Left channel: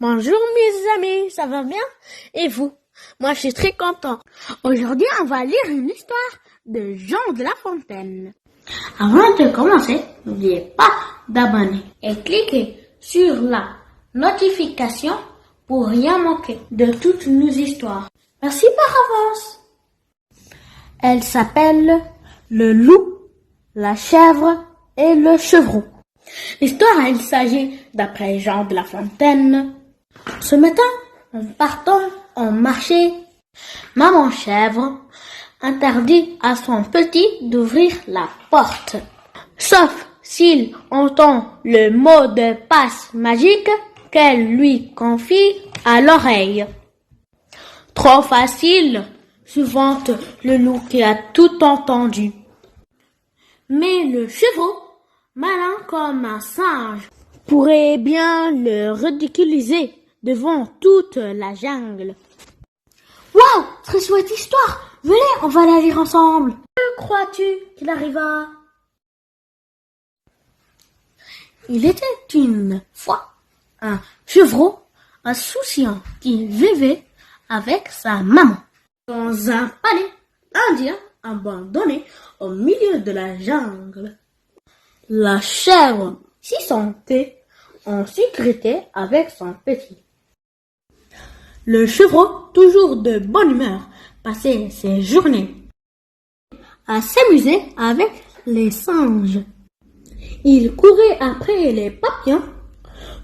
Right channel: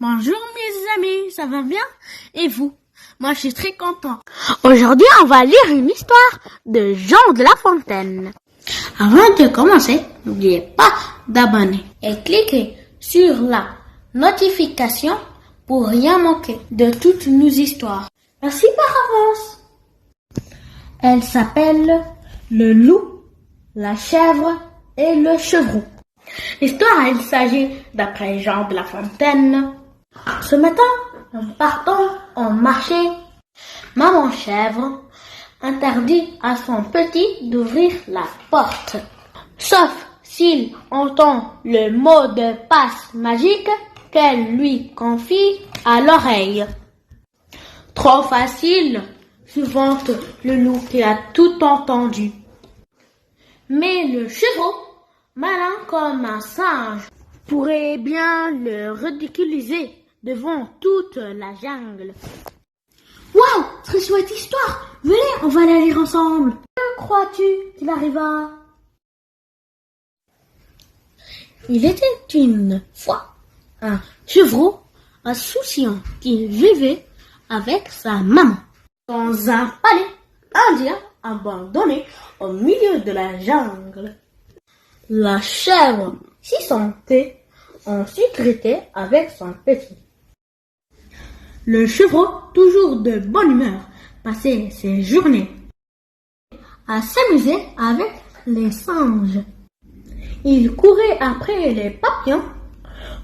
Bonjour mes amis, ça va bien? Et vous? Moi je suis très content. Aujourd'hui on va lire une histoire de Jean de La Fontaine. Avant de commencer, n'oubliez pas d'abonner et cliquez sur la notification pour rien manquer de toutes nos histoires. Merci par avance. Elle s'appelle Le loup, la chèvre et le chevreau. L'histoire, il s'agit d'après Jean de La Fontaine. Ce matin, en partant en marché, maman chèvre interdit à son petit d'ouvrir la porte. Sauf s'il entend le mot de passe magique qu'elle lui confie à l'oreille. Trop facile, se vante le loup qui a tout entendu. Mais le chevreau, malin comme un singe, pourrait bien le ridiculiser devant toute la jungle. Waouh, très chouette histoire. Venez, on va la lire ensemble. Que crois-tu qu'il arriva? Il était une fois un chevreau insouciant qui vivait avec sa maman dans un palais indien abandonné au milieu de la jungle. La chèvre s'y sentait en sécurité avec son petit. Le chevreau, toujours de bonne humeur, passait ses journées à s'amuser avec les singes. Il courait après les papillons,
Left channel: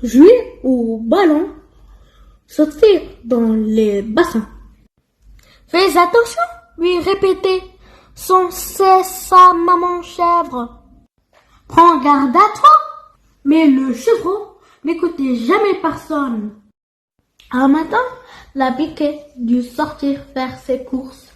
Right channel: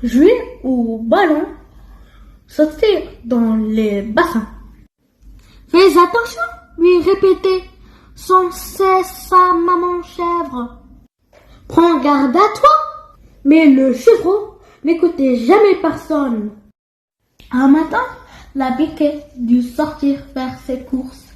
jouait au ballon, sautait dans les bassins. Fais attention, lui répétait sans cesse sa maman chèvre. Prends garde à toi. Mais le chevreau n'écoutait jamais personne. Un matin, la biquette dut sortir faire ses courses.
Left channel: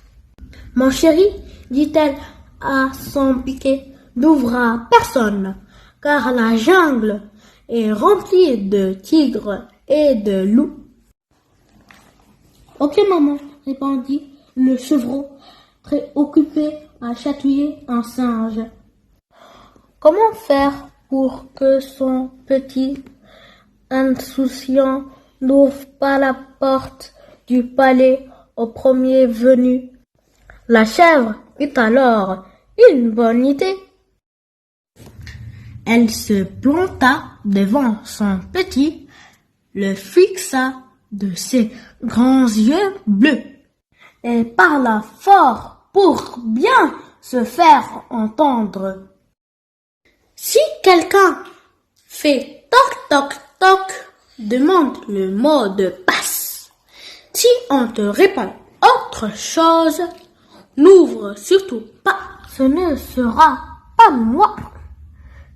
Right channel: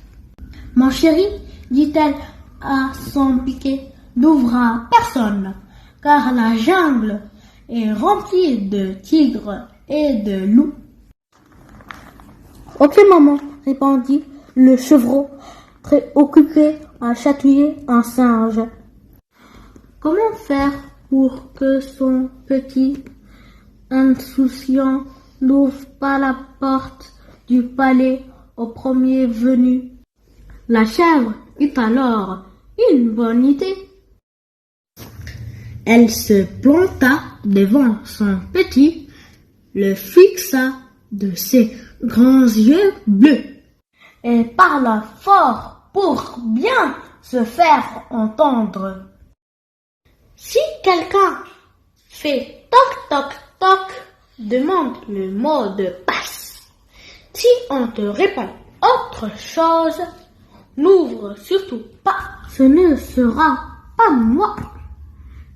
Mon chéri, dit-elle à son biquet, n'ouvre à personne, car la jungle est remplie de tigres et de loups. Ok maman, répondit le chevreau, très occupé à chatouiller un singe. Comment faire pour que son petit insouciant n'ouvre pas la porte du palais au premier venu? La chèvre eut alors une bonne idée. Elle se planta devant son petit, le fixa de ses grands yeux bleus et parla fort pour bien se faire entendre. Si quelqu'un fait toc toc toc, demande le mot de passe. Si on te répond autre chose, n'ouvre surtout pas. Ce ne sera pas moi.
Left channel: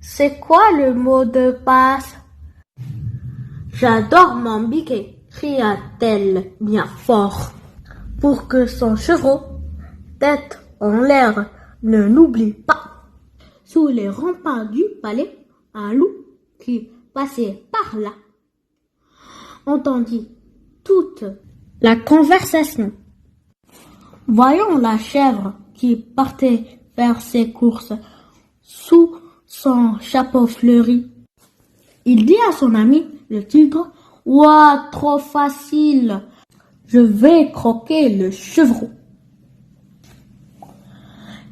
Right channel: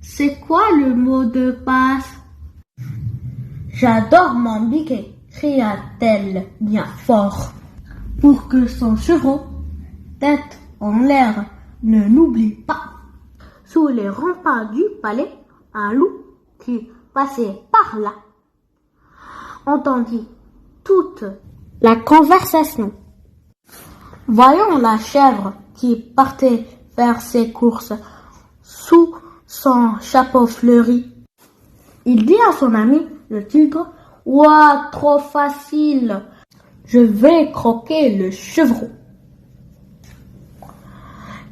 C'est quoi le mot de passe? J'adore mon biquet, cria-t-elle bien fort, pour que son chevreau, tête en l'air, ne l'oublie pas. Sous les remparts du palais, un loup qui passait par là entendit toute la conversation. Voyant la chèvre qui partait faire ses courses sous son chapeau fleuri, il dit à son ami le tigre: « Ouah, trop facile, je vais croquer le chevreau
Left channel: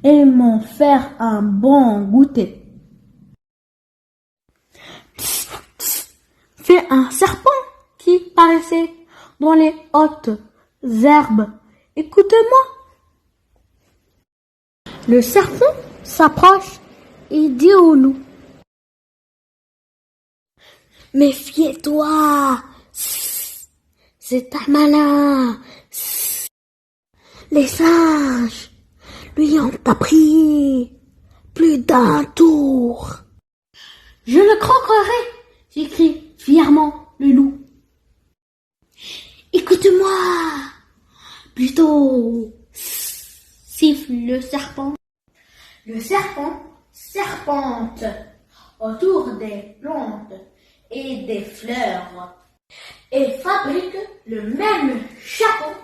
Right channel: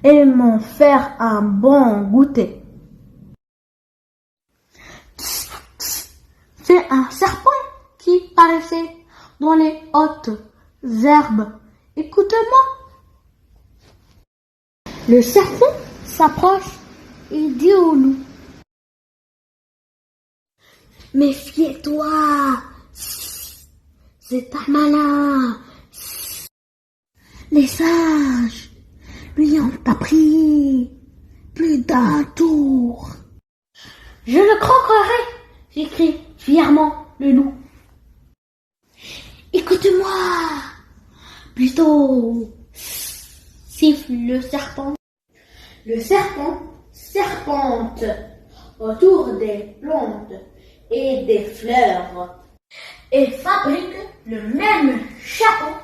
et m'en faire un bon goûter. » Fait un serpent qui paraissait dans les hautes herbes. « Écoute-moi. » Le serpent s'approche et dit au loup: « Méfie-toi, c'est un malin. Les singes lui ont appris plus d'un tour. »« Je le croquerai !» s'écrie fièrement le loup. « Écoute-moi plutôt !» siffle le serpent. Le serpent serpente autour des plantes et des fleurs et fabrique le même chapeau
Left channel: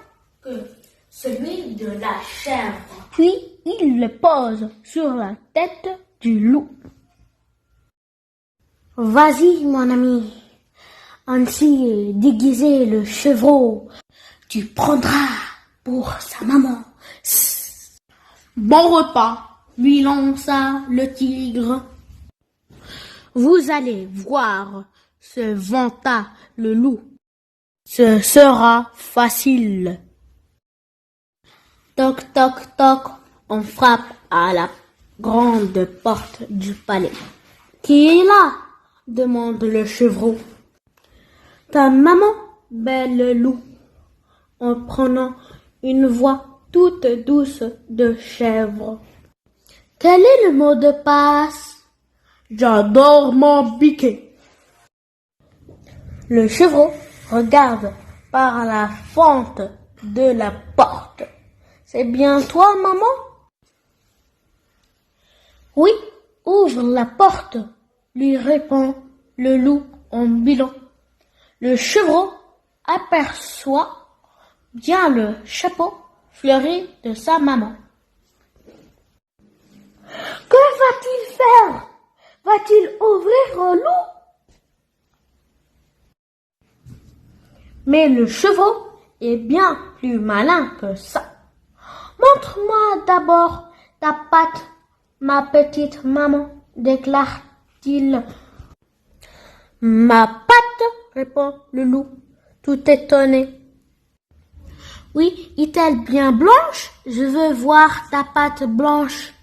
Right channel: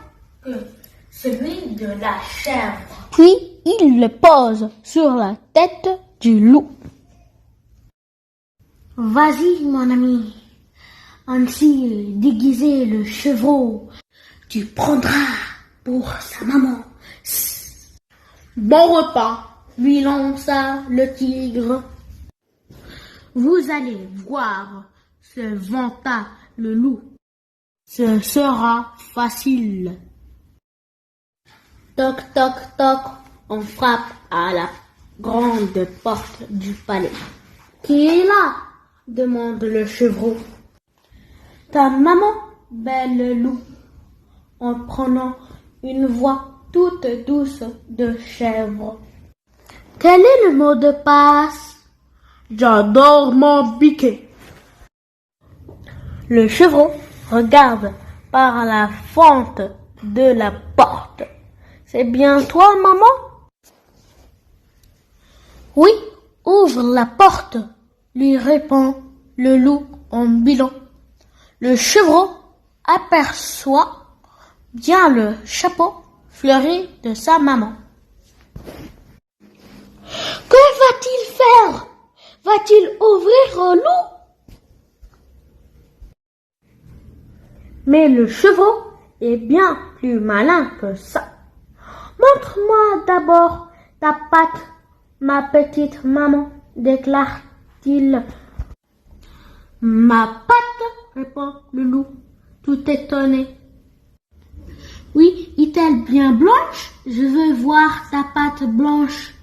que celui de la chèvre. Puis il le pose sur la tête du loup. « Vas-y, mon ami, Ainsi déguisé le chevreau, tu prendras pour sa maman. Bon repas, lui lança le tigre. Vous allez voir, se vanta le loup. Ce sera facile. Toc, toc, toc, on frappe à la grande porte du palais. Qui est là? Demande le chevreau. Ta maman, belle loup, en prenant une voix toute douce de chèvre. Quel est le mot de passe? J'adore mon biquet. Le chevreau regarde par la fente de la porte. C'est bien toi, maman? Oui, ouvre la porte, lui répond le loup en bilan. Le chevreau aperçoit bien le chapeau fleuri de sa maman. Que va-t-il faire? Va-t-il ouvrir au loup? Mais le chevreau est bien plus malin que ça. Montre-moi d'abord ta patte, ma petite maman, déclare-t-il. Ma patte, répond le loup, tout étonné. Oui, est-elle bien blanche? Je veux voir ta patte blanche.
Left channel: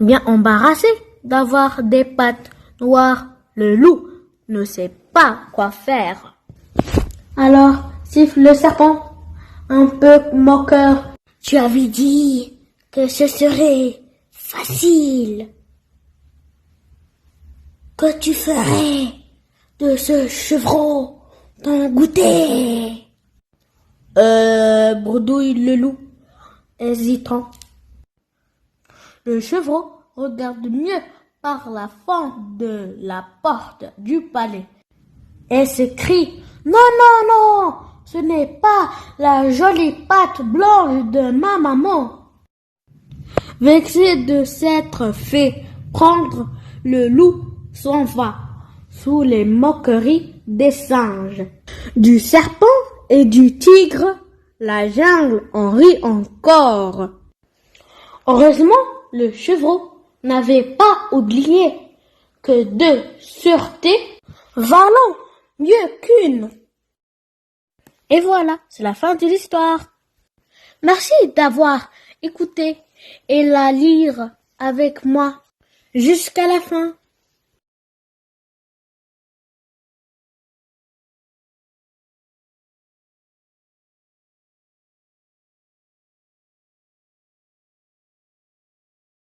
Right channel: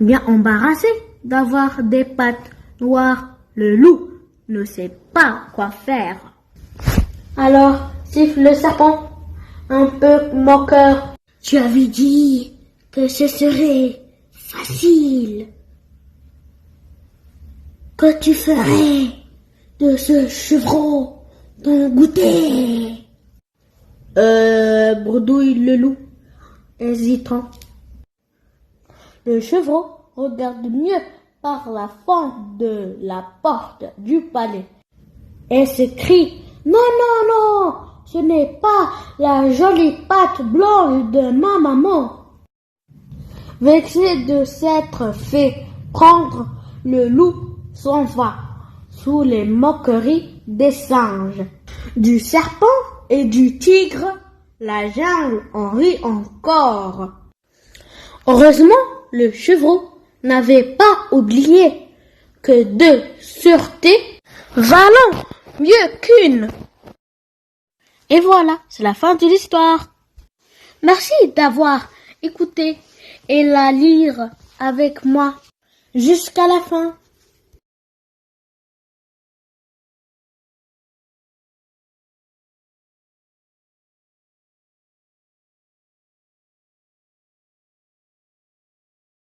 Bien embarrassé d'avoir des pattes noires, le loup ne sait pas quoi faire. Alors siffle le serpent, un peu moqueur. Tu avais dit que ce serait facile, que tu ferais de ce chevreau ton goûter. Bredouille le loup, hésitant. Le chevreau regarde mieux par la fente de la porte du palais et s'écrie: non, non, non, ce n'est pas la jolie patte blanche de ma maman. Vexé de s'être fait prendre, le loup s'en va sous les moqueries des singes, du serpent et du tigre. La jungle en rit encore. Heureusement, le chevreau n'avait pas oublié que deux sûretés valent mieux qu'une. Et voilà, c'est la fin de l'histoire. Merci d'avoir écouté et la lire avec moi jusqu'à la fin.